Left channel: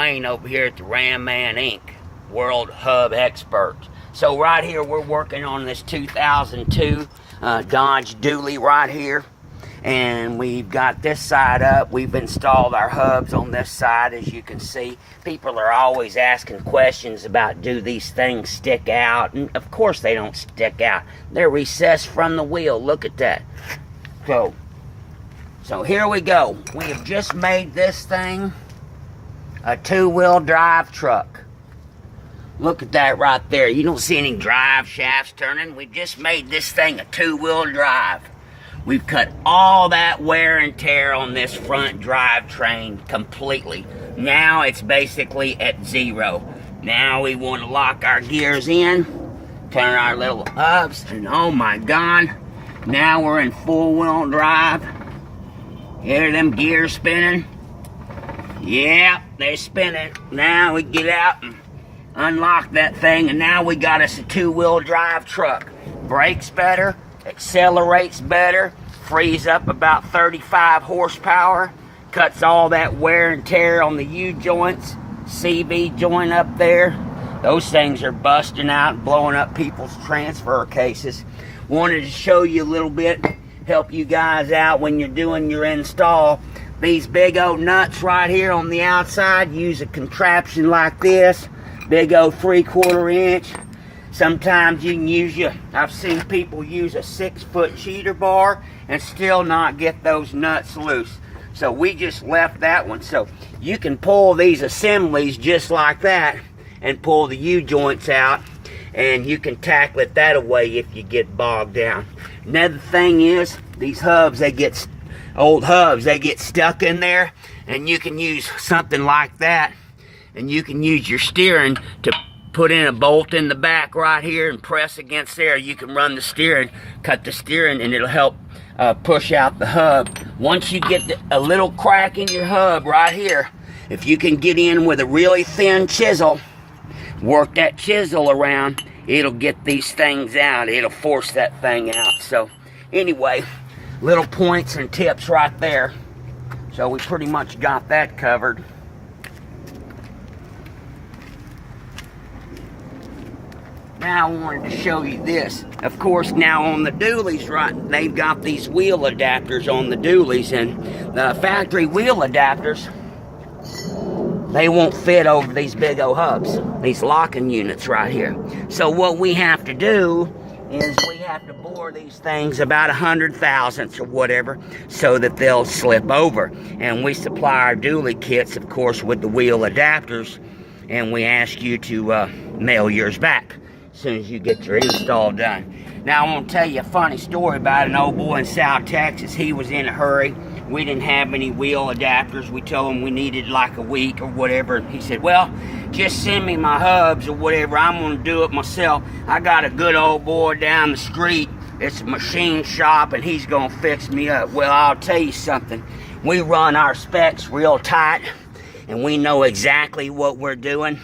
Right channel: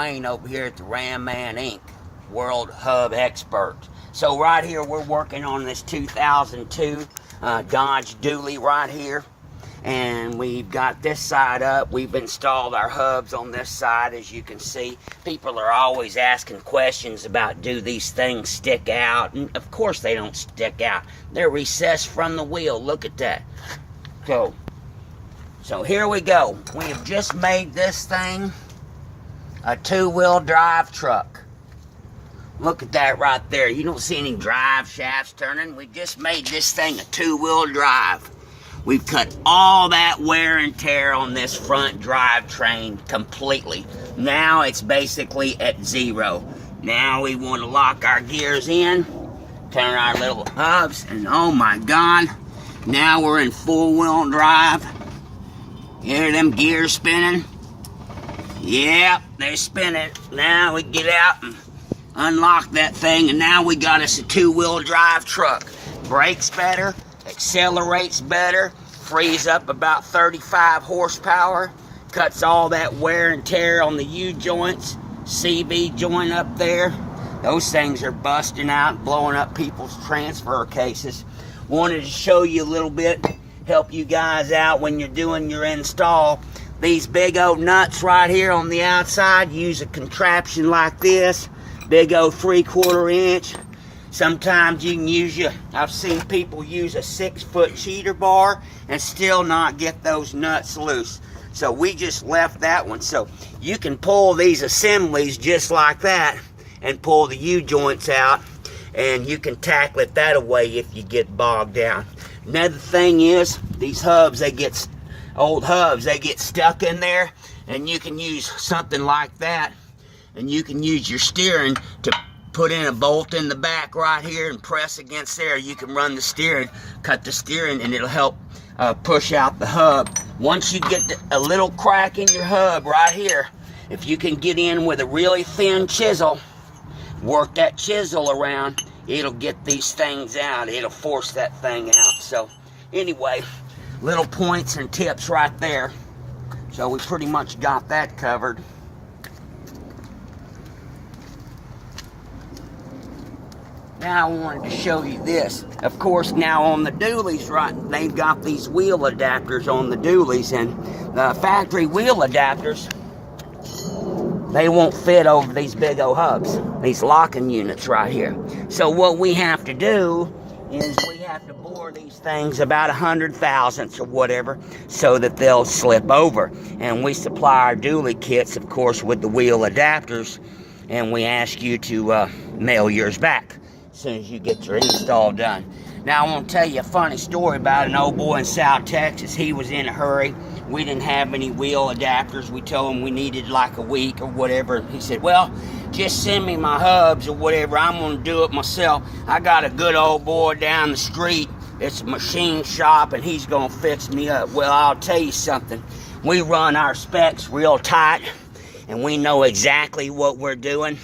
Wayne over here at the Ram Man Inc. World Hub Expert. So right here we're working on this 2002 Dodge Dually right here. And we've got this side up. We've installed our hubs on this side, as you can see. People are always asking questions about, do these things stick out? And of course they don't stick out. They're recessed from the wheel. Look at that. So here we go. We have just made this thing a two-wheel drive truck. Look at that right there. You don't see any drive shafts turning. We've just made this thing a two-wheel drive. We've cut all that wear and tear on this front drivetrain completely. Now it's basically at zero. Now we want to lock our gears in, turn our little hubs, and oh my God, now we're in full-wheel drive. Hear them gears spinning? Yep, they're spinning. Now we get out and unlock that thing, and now we got us a two-wheel drive truck. Brakes better, accelerates better, frees up about 35 horsepower, cuts all that wear and tear on the U-joints, CV joint up there. Those things are busting out and blowing up people's transfer cases. Wanted to show you a little bit, help you guys out when you're doing your install. These big old nuts right here on the outside, use a contraption like this, big old 3/4 inch. Sometimes you can use I've seen people use a 6-foot cheater bar and still not get those nuts loose. So we just left that one. So you can pull these assemblies just like that and pull the U-joints out, and you can tackle it that away if you get bogged down. Another thing is, these hubs, old hubs, they get stuck in there, and you can use something like that, and you can use your steering to put in a bolt in the back right here and press against there. You can run the steering, cut the steering, and it'll help push out the hub. Once you get a little crack in your hub right here, if you can get in with a really thin chisel, work that chisel around, it'll get these things out. It'll force that thing out. So anyway, little points and tips right there. So we pretty much got that covered. Now I wanted to show you this. Of course, now on the dualies, right, they've got these wheel adapters on the dualies, and the factory wheel adapters, they won't fit over these big old hubs, these locking units right here. So what we have to do is we have to bore these things about 100 thousandths or whatever so that they'll slip over. And we supply our dually kits, of course, with the wheel adapters, and we ask you to mail yours back as soon as you get your install done. Now I want to tell you a funny story about an old boy in South Texas. He was in a hurry. We didn't have any wheel adapters. We told him we needed like a week or whatever. He said, well, just send me my hubs or whatever. I'm going to do it myself. I got a good old boy down the street. It's a machine shop, and he's going to fix me up. Well, I'll tell you something. We run our specs real tight, and we know exactly what we're doing.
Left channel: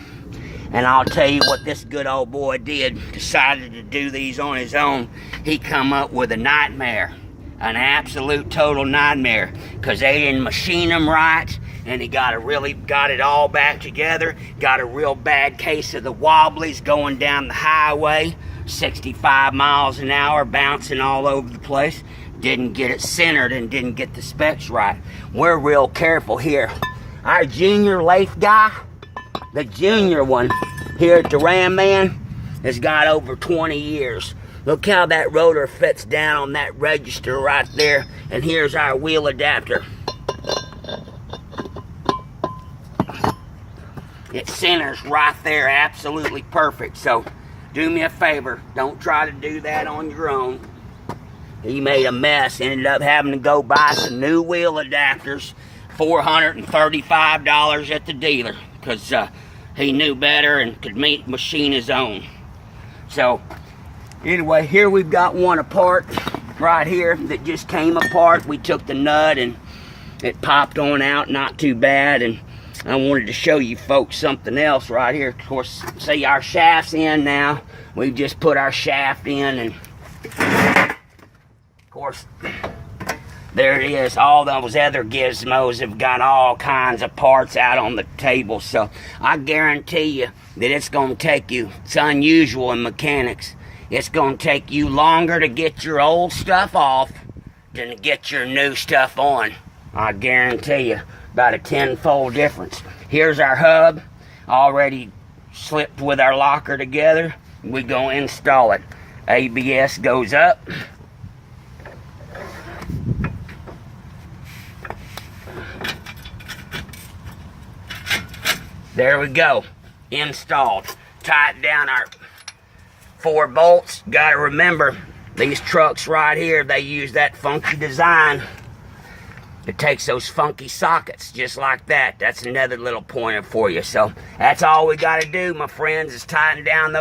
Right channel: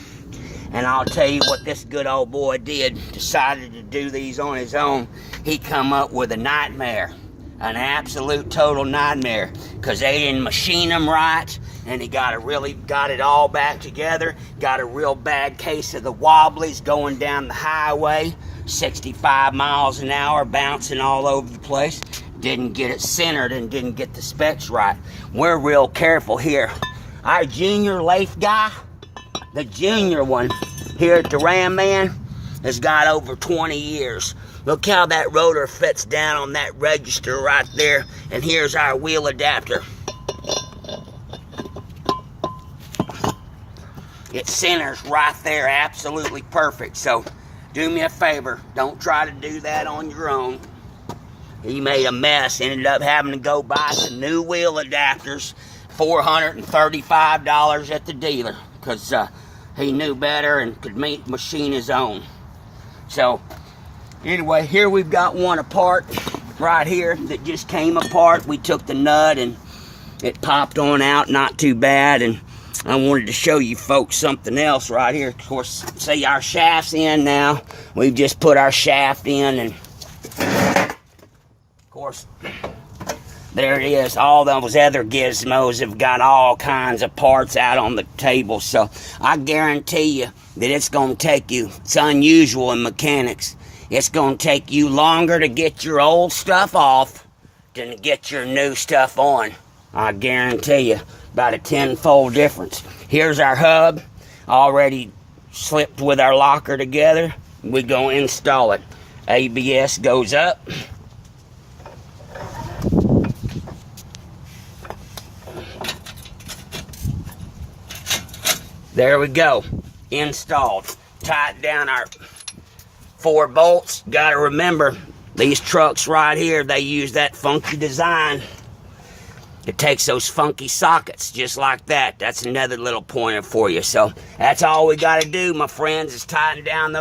And I'll tell you what this good old boy did. Decided to do these on his own. He come up with a nightmare. An absolute total nightmare. Because they didn't machine them right. And he got it all back together. Got a real bad case of the wobblies going down the highway. 65 miles an hour, bouncing all over the place. Didn't get it centered and didn't get the specs right. We're real careful here. Our junior lathe guy, the junior one here at the Ram Man, has got over 20 years. Look how that rotor fits down on that register right there. And here's our wheel adapter. It centers right there, absolutely perfect. So do me a favor, don't try to do that on your own. He made a mess, ended up having to go buy some new wheel adapters, $435 at the dealer, because he knew better and could machine his own. So anyway, here we've got one apart right here that just came apart. We took the nut and it popped on out, not too bad. And I wanted to show you folks something else right here. Of course, see our shaft's in now. We've just put our shaft in, and of course There it is. All those other gizmos have got all kinds of parts out on the table. So I guarantee you that it's going to take you, it's unusual in mechanics, it's going to take you longer to get your old stuff off than to get your new stuff on. I guarantee you, about a tenfold difference. Here's our hub, already slipped with our locker together. We're going to install it. ABS goes up. There we go, installed. Tighten down our 4 bolts. Gotta remember, these trucks right here, they use that funky design. It takes those funky sockets just like that. That's another little pointer for you. So that's all we gotta do, my friends, is tighten down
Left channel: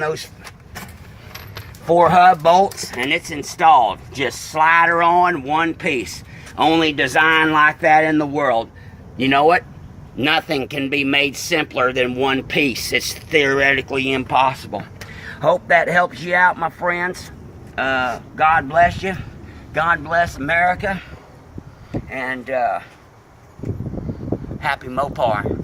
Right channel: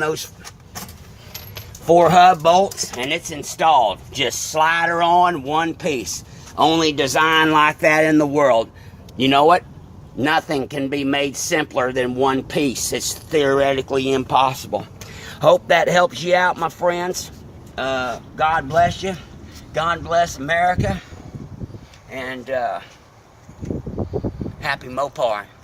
those 4 hub bolts, and it's installed. Just slide her on one piece. Only design like that in the world. You know what? Nothing can be made simpler than one piece. It's theoretically impossible. Hope that helps you out, my friends. God bless you. God bless America. And happy Mopar.